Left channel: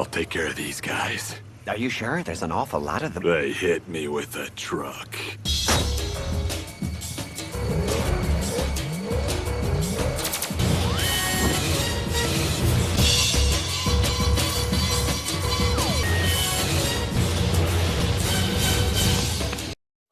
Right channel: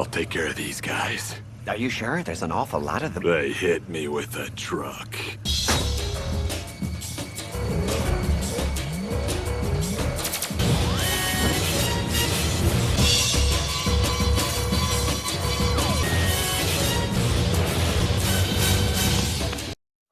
I'll take care of these guys. Are you sure? There's an awful lot of them. They hit me with a truck.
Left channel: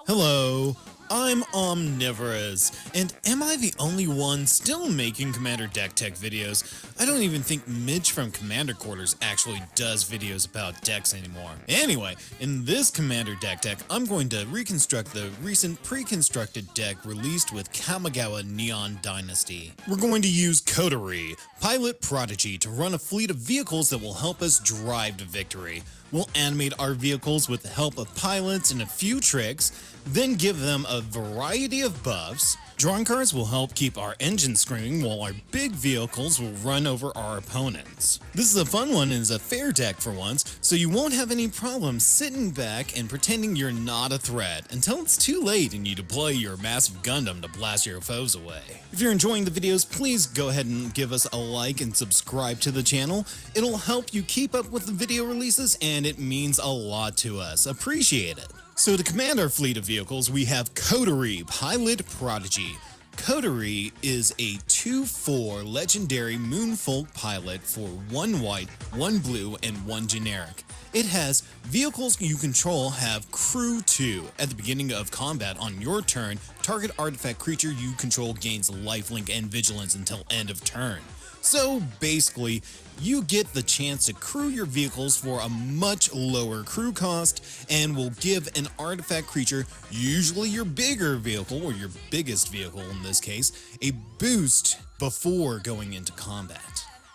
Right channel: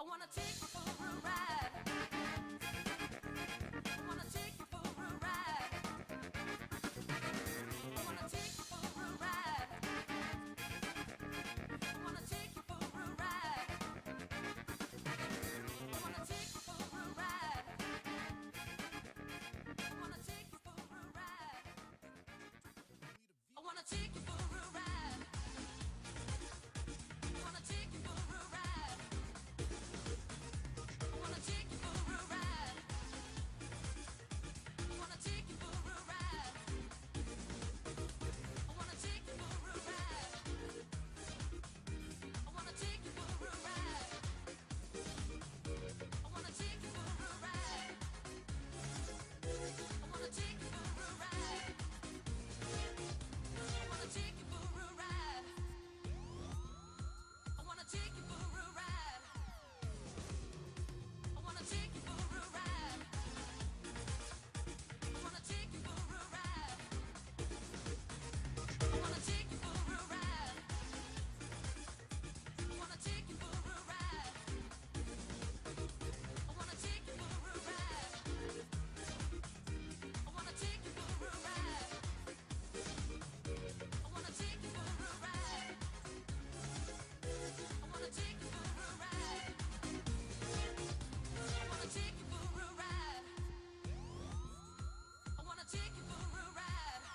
Hello, I'm Omnivorous, and am I the only one still making Commander Deck Tech videos? I don't even think Mitch from Commander Quarters actually does videos about decks anymore. Anyway, in this Commander Deck Tech, I'm going to reconstruct the recent Preconstructed deck released with Kamigawa Neon Dynasty. We're going to use Kotori, Pilot Prodigy, to run a fleet of vehicles that will help us drive to victory. We'll animate our vehicles with the help of pilots and a few tricks, then give them a variety of buffs. Drawing cards will help keep our engine screaming while our big vehicles will run over our opponents. This is a fun one and is a fair deck for once, so you won't have any problems sitting back and pretending you're not a threat until it's too late and you deploy your massive Gundam to blast your foes away. If you're enjoying the videos, please go ahead and give us a like and subscribe to the channel. It'll help you keep up with the video releases and it means a lot to us. Appreciate it. So to command our fleet of vehicles, we have Kotori, Pilot Prodigy. Kotori is a 2/4 legendary Moonfolk pilot for 1 white, 1 blue, and 1 generic. It has vehicles you control have Crew 2. At the beginning of combat on your turn, target artifact creature you control gains lifelink and vigilance until end of turn. So basically, you get the chance to crew your vehicles for a much lower crew cost and will give an artifact creature, usually your bigger vehicle or your biggest vehicle in this case, a boost before going into combat.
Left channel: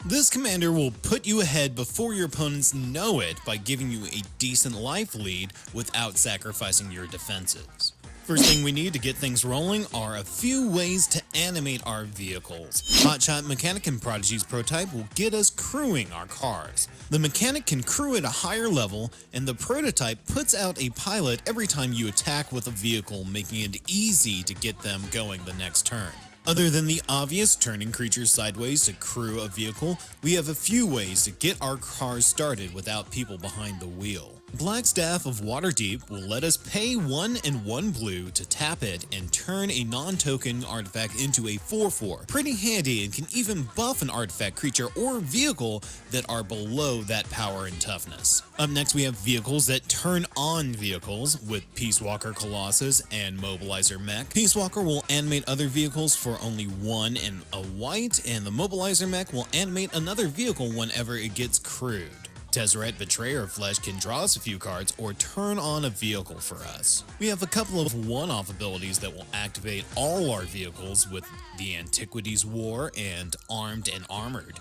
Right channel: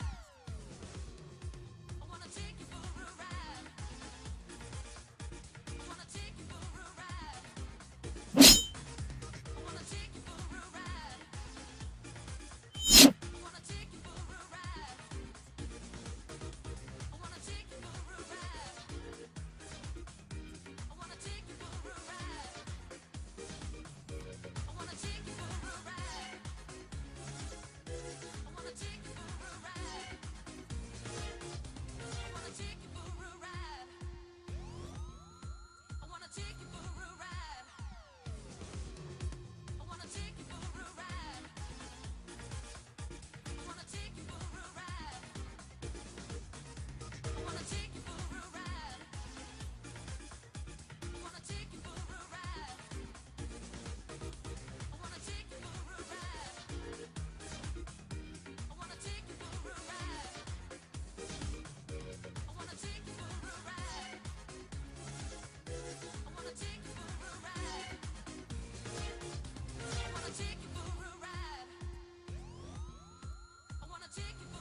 This commander will put you ahead before your opponents know it by giving you a decent life lead without sacrificing your defenses. First thing we need to get things rolling are a few ways to animate our vehicles. Hotshot Mechanic and Prodigy's prototype will get us crewing our cars. The mechanic can crew at a higher level, and the prototype puts out a pilot every time you attack with a vehicle, making it easy to get them going the next turn. Other than the obvious turning creatures sideways to crew a vehicle, we have a few ways to get our cars started without people behind the wheel. Blackstaff of Waterdeep will let us pay 1 and 1 blue to tap it and turn a non-token artifact into a 4/4. Pretty handy and can even buff an artifact creature or vehicle that are below that power and toughness. Up next we have vehicles that turn on vehicles with Peace Walker Colossus and Mobilizer Mech. Peace Walker will animate other vehicles for only 1 and a white, and the Mobilizer Mech will animate another vehicle whenever it gets crewed. Tezzeret Betrayer Flesh can draw us a few cards or turn on a vehicle for us. We have a couple of one-off abilities that will activate all our vehicles with the Antiquities War and Armed and Armored.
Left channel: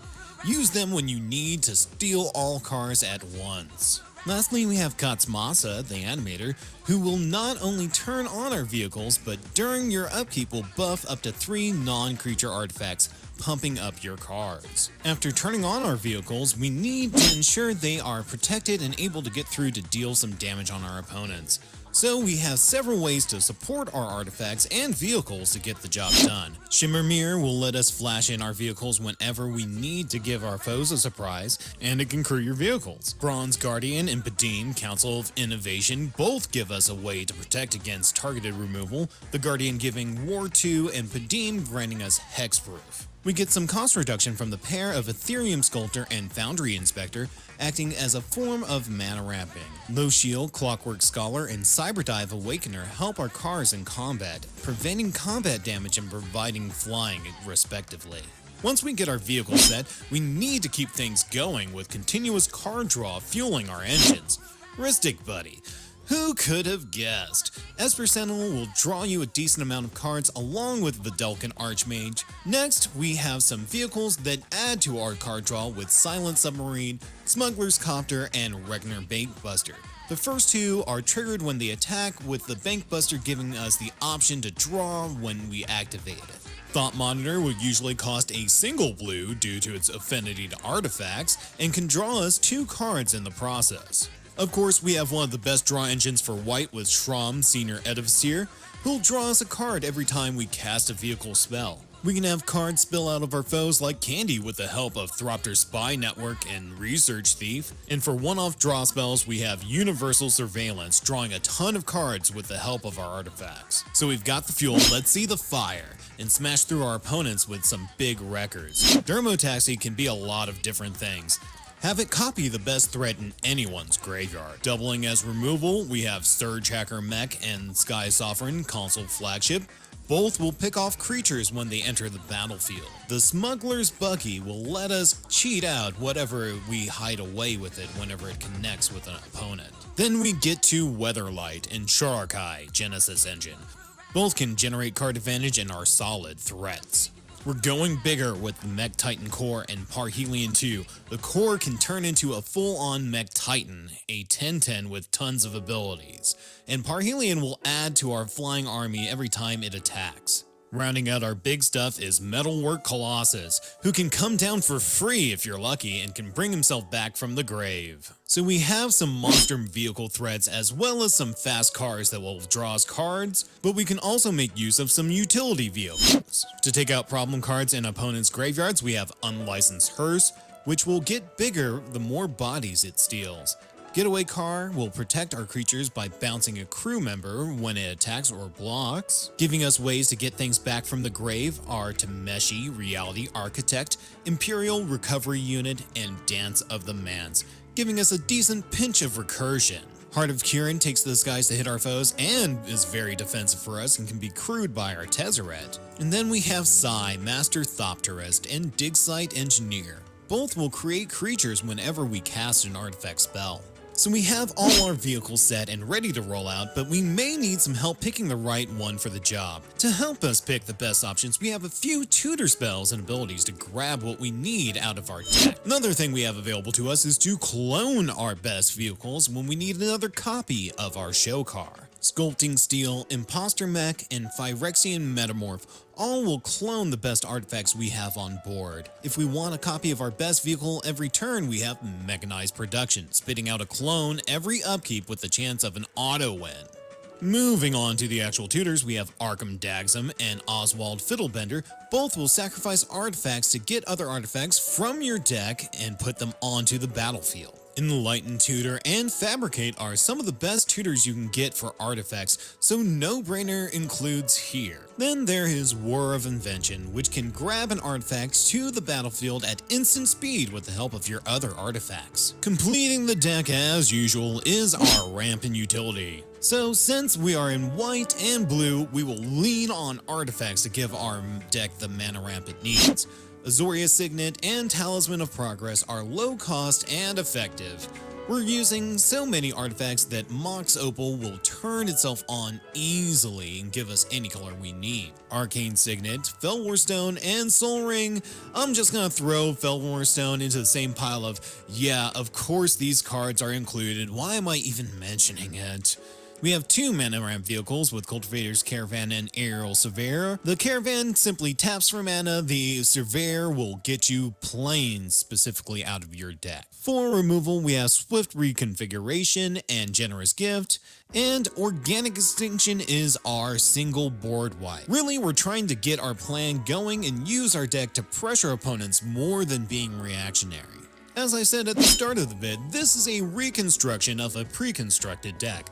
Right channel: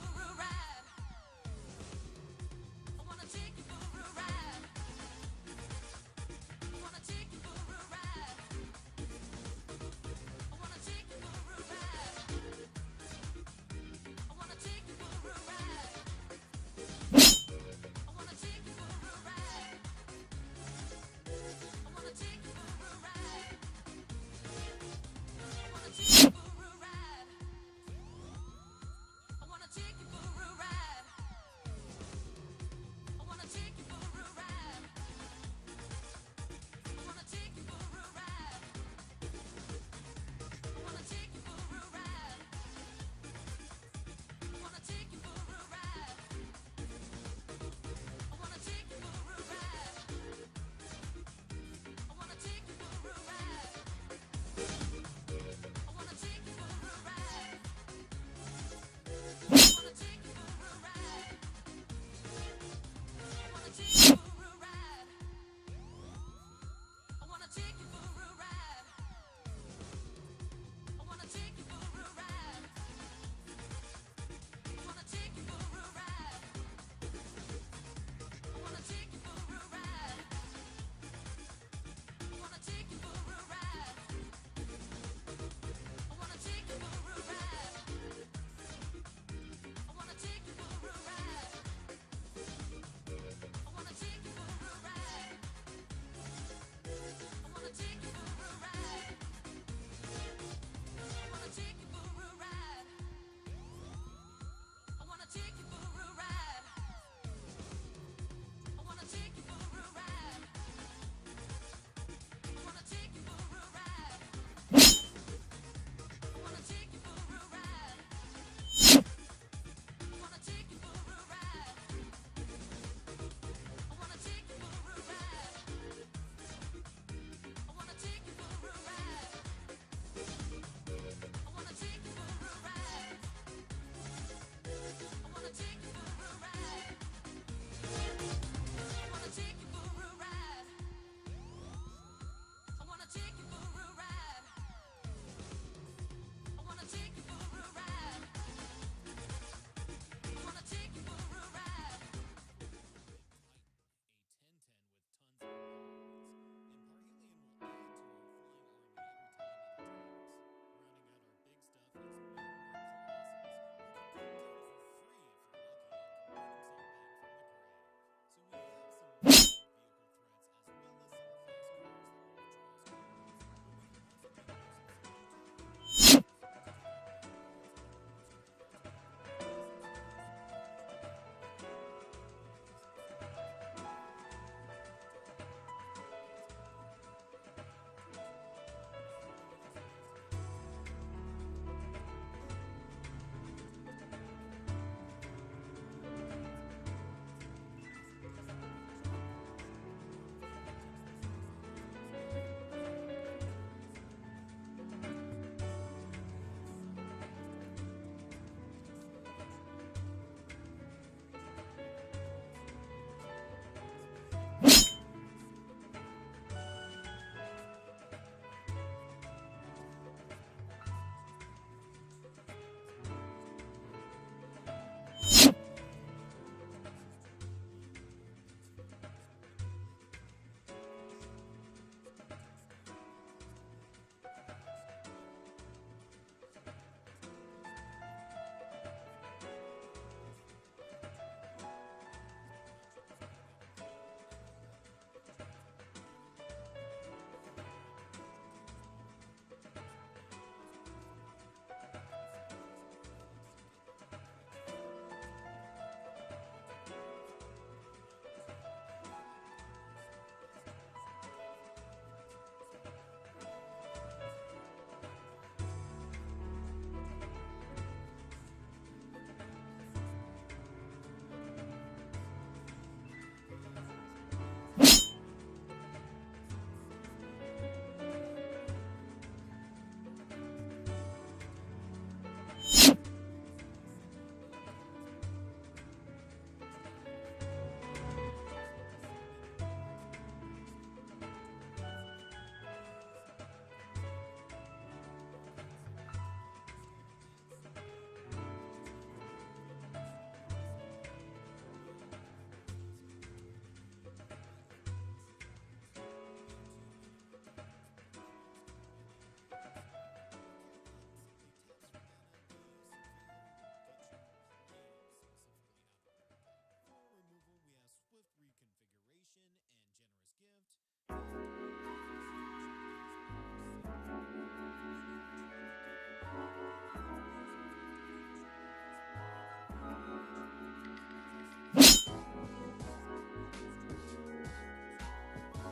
Use them when you need to steal all cars at once. Lastly, we have Katsumasa, the animator, who will not only turn on our vehicles, but during your upkeep will buff up to 3 non-creature artifacts, pumping up your cards. After turning on our vehicles, we need to ensure they are protected and able to get through to deal some damage on our opponents. So we have several ways to support our artifacts and vehicles to get the job done. Shimmer Mirror will let us flash in our vehicles whenever we need to give our foes a surprise, and it can crew your vehicles. Bronze Guardian and Padim, Council of Innovation, both give us a way to protect against targeted removal, the Guardian giving War 2 and Padim granting us Hexproof. We get some cost reduction from the pair of Ethereum Sculptor and Foundry Inspector, acting as a form of mana wrapping. Low Shield, Clockwork Scholar, and Cyberdive Awakener help our cars in combat, preventing combat damage and providing flying, respectively. Once we get our vehicle set, we need to keep things going with continuous card draw fueling our engines. Ristic Buddy. Who could have guessed? Esper Sentinel will draw you a decent amount of cards along with Vidalcan Archmage. Next, we have some vehicles that add to our card draw with Silent Submarine, Smuggler's Copter, and Regner Bankbuster. The first two are triggered when they attack, with the Bankbuster giving us the option to draw when we activate it. Thought Monitor will usually cost a single blue due to its affinity to artifacts, and can draw us 2 cards in the process. Of course, we have one of the best draw engines for white with Shram, Senior Edificer, who'll draw us a card every time we cast a vehicle spell. We can have cards spill out of our foes like candy with the help of Thropter Spy Network and Research Thief. And for one-off draw spells, we have Universal Surveillance, drawing a ton of cards with the help of our artifacts. So we've got the fuel, let's see the fire, and smash through our opponents with some big records. Dermotaxi can be a lot of different things. Have it copy the best threat in anyone's graveyard. Doubling as removal, we have Surge Hacker Mech and Sky Sovereign Console Flagship. Both will pick off creatures when they enter the battlefield. The Smuggler's Bucky will let us cheat out whatever we hide away with it whenever it connects with an opponent. Then we get to Weatherlight and Sharakai Genesis Engine. Both can generate card advantage and are solid threats. We're going bigger with the Mech Titan Core and Parhelion 2. The Core can turn into a full-on Mech Titan, a 10/10 with tons of abilities, and Parhelion will add to our flying army every time it attacks. Rounding out our big stuff is Metalwork Colossus, who can come down for free if you're lucky and can bring himself back from the grave. So we have some monster vehicle threats as well as some fast cars that will draw us cards, but we can also make use of some utility vehicles. To take out problem cards in opponents' graveyards, we have Unlicensed Hearse, which will get bigger the more bodies it steals. Getaway Car will protect our creatures by bouncing a crew member when it attacks or blocks. Giving us ways to get things back from the grave are Tameshi, Reality Architect, Imperial Recovery Unit, and Dance of the Mans, giving us a decent pinch of recursion. Heart of Kirin takes the skies to hit our foes and is very defensive for us and can be crewed by our Tezzeret. And then we have Sai, Master Thopterist, and Digsite Engineer. Both will create creatures whenever we cast an artifact spell. So we have all our vehicles set and ready to roll out, but we may need some help picking the right one for the job. To help us pick the best options, we have a few tutor spells and abilities to grab what we need out of our deck. Another thing we have available to us is to clone our best vehicles when we need another copy of our show car. Sculpting Steel, Imposter Mech, and Phyrexian Metamorph all will clone the best artifacts we have on board. If we want a copy of our best vehicle every turn, we have Mechanized Production, spitting out a clone every upkeep with the chance of an auto win. Moving on to the actual tutors, we have Arkham Dagsum and Oswald Fiddlebender. Both will sacrifice artifacts to get other artifacts from your deck and put them onto the battlefield. Enlighten Tutor and Fabricate are some of the best tutors you can get for artifacts, so no-brainer includes here. Then there is War of Invention, which can grab an artifact to the battlefield at instant speed with the help of your other artifacts. Completing the deck as usual is our rampant utility. So since we are in white and blue, we will lean on artifacts to give our deck the mana ramp it needs. Azoria Signet and Talisman of Progress are low cost and effective. We're using so many artifacts that Mox Opal will turn itself on easily and give us any color we need. Arcane Signet, Felwar Stone, and Soul Ring. I'm just gonna throw Felwar Stone into the same pile of, yeah, of course these cards are included, why am I even mentioning it? We have two mana ramp vehicles with Cultivator's Caravan and Aerial Surveyor. The Caravan simply taps for mana, the Surveyor will get you planes specifically out of your deck. For removal, we have Swift Reconfiguration and Generous Gift, and Organic Extinction is our single board wipe. Really, we're trying to get our plan going and use our deck to pressure opponents more than being reactionary. As I said at the start of the vid, this is a reconstruction of a pre-constructed deck.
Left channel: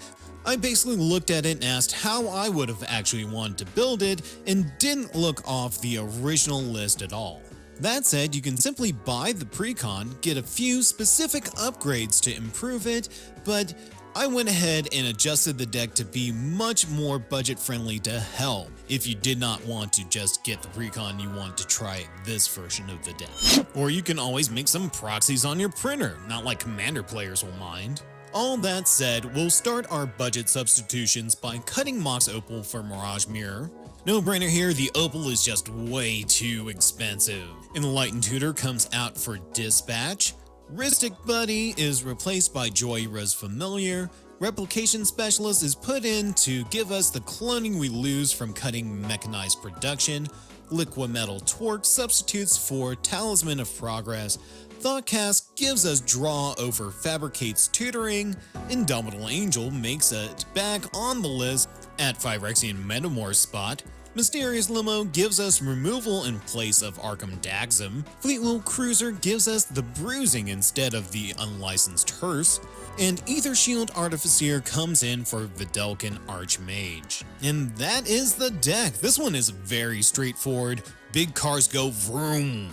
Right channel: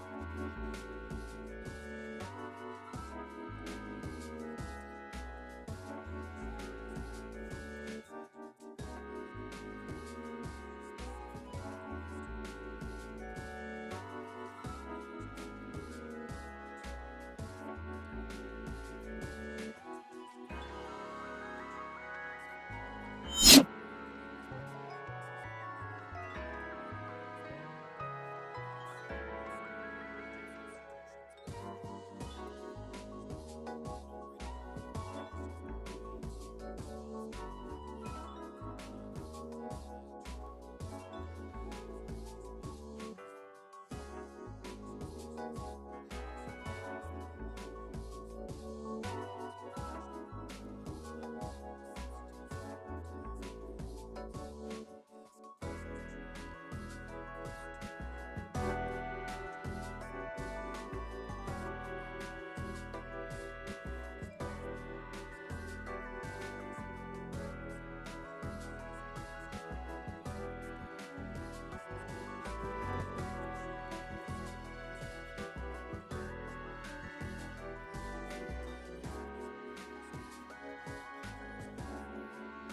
I basically looked at it and asked how I would have actually wanted to build it and didn't look off the original list at all. That said, you can simply buy the Precon, get a few specific upgrades to improve it, but I went ahead and adjusted the deck to be much more budget friendly to help if you did not want to just get the Precon, you want to try this version of the deck. Or you can always make some proxies on your printer, not like Commander players will mind. All that said, we'll start our budget substitutions by cutting Mox Opal for Mirage Mirror. No brainer here, the Opal is just way too expensive. Enlightened Tutor comes out for Dispatch. Ristic Buddy is replaced by Joyra's Familiar. Replication Specialist is put in to give us the cloning we lose from cutting Mechanized Production. Liquimetal Torque substitutes for Talisman of Progress. Thoughtcast gives us draw over Fabricate's Tutoring. Indomitable Angel makes it back on the list at Phyrexian Metamorph's spot. Mysterious Limo gives us removal in place of Arkham Daxam, Fleetwheel Cruiser gives us the bruising instead of the unlicensed hearse, and Ether Shield Artificer comes in for Vidalcan Archmage. And that is the deck. This one is very straightforward. Big cars go vroom.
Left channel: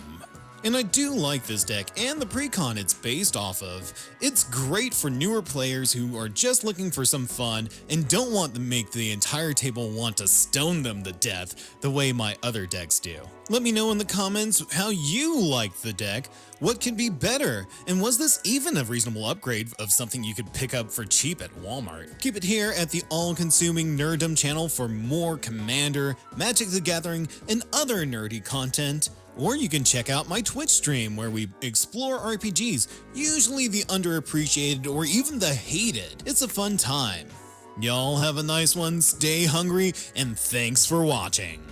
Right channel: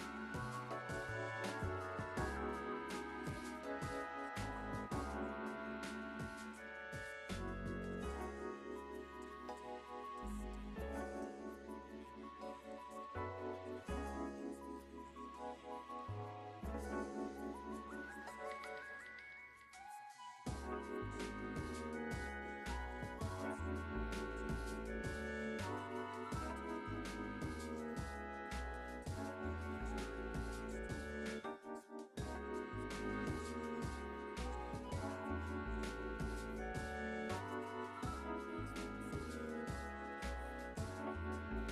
And I do like this deck and the Precon it's based off of. It's great for newer players who are just looking for some fun and don't want to make the entire table want to stone them to death the way my other decks do. Let me know in the comments how you like the deck, what could be better, and was this even a reasonable upgrade of something you could pick up for cheap at Walmart? Keep it here at the all-consuming Nerddom channel for more Commander, Magic the Gathering, and other nerdy content. Or you can check out my Twitch stream where we explore RPGs, usually the underappreciated or even the hated. It's a fun time. Y'all have a nice one, stay hungry, and thanks for watching.